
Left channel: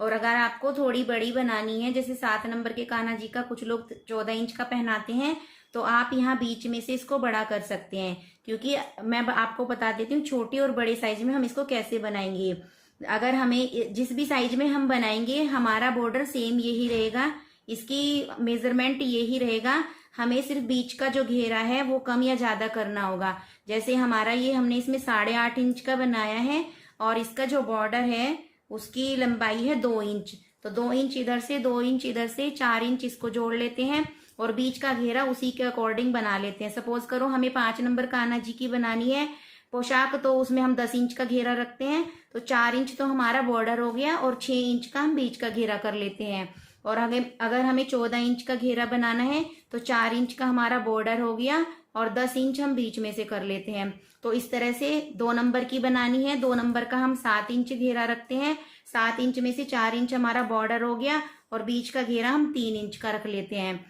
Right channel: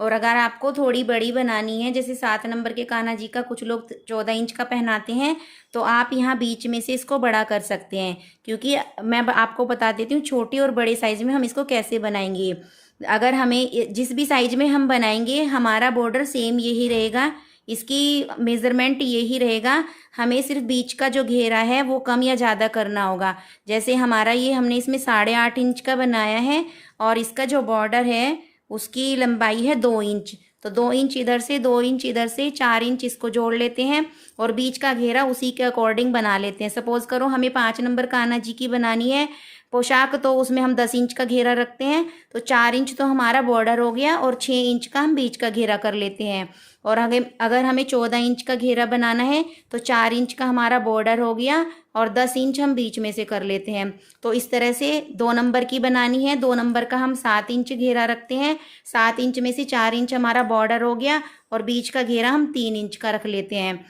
और अगर आपको थोड़ी बड़ी बनानी है, जैसे 7 नंबर के कान्हा जी का कुछ लोग 14 इंच का पहनाते हैं, तो आप यहाँ बीच में से इसको बड़ा कर सकते हैं, क्योंकि मैं आपको बता देती हूँ छोटी और बड़े साइज में हम इसको कैसे बनाएंगे। अगर हमें जिस भी साइज में हम बनाएंगे हमारा बॉर्डर सेम यही रहेगा, इसकी मेज़रमेंट यही रहेगा, हमें सिर्फ बीच का जो घेरा है वो कम या ज़्यादा करना होगा। जैसे हमारा ये हमने इसमें 8.5 इंच का बनाया है, और इसका जो बॉर्डर है उसकी लंबाई है 2 इंच, तो 2 इंच इधर से 2 इंच इधर से 4 इंच इसको जोड़ लेते हैं, और बीच का घेरा उसी के अकॉर्डिंग बना लेते हैं। सपोज करो हमें 5 नंबर कान्हा जी की बनानी है, पोशाक तो उसमें हम 10 इंच का घेरा रखते हैं, तो 4 इंच तो हमारा बॉर्डर हो गया और 6 इंच का हम बीच का घेरा कर लेते हैं। और अगर हमें 14 इंच का घेरा बनाना है तो 4 इंच का हमारा बॉर्डर हो गया और 10 इंच हम बीच में से कर लेते हैं। तो इस तरह से 2 नंबर की बनानी है। 2 नंबर का हम 7 इंच घेरा रखते हैं, 7 इंच में से 4 इंच हमारा बॉर्डर हो गया और बीच का घेरा हम 3 इंच का रख लेते हैं।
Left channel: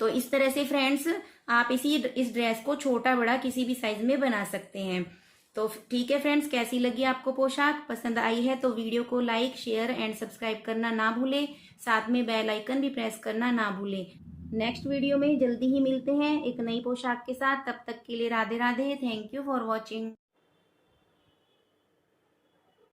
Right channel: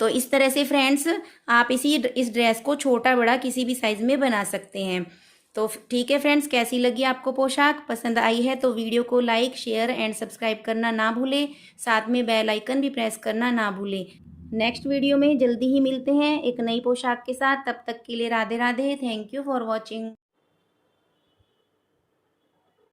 तो इस तरह से फ्रेंड्स आप इस ड्रेस को छोटा बड़ा किसी भी साइज में बना सकते हैं। तो ठीक है फ्रेंड्स, कैसी लगी आपको पोशाक? पसंद आई है तो वीडियो को लाइक शेयर एंड सब्सक्राइब करना ना भूलें, साथ में बेल आइकन भी प्रेस करना ना भूलें। नेक्स्ट वीडियो में जल्दी ही मिलते हैं एक नई पोशाक के साथ। तब तक के लिए Radhe Radhe. Thank you for watching.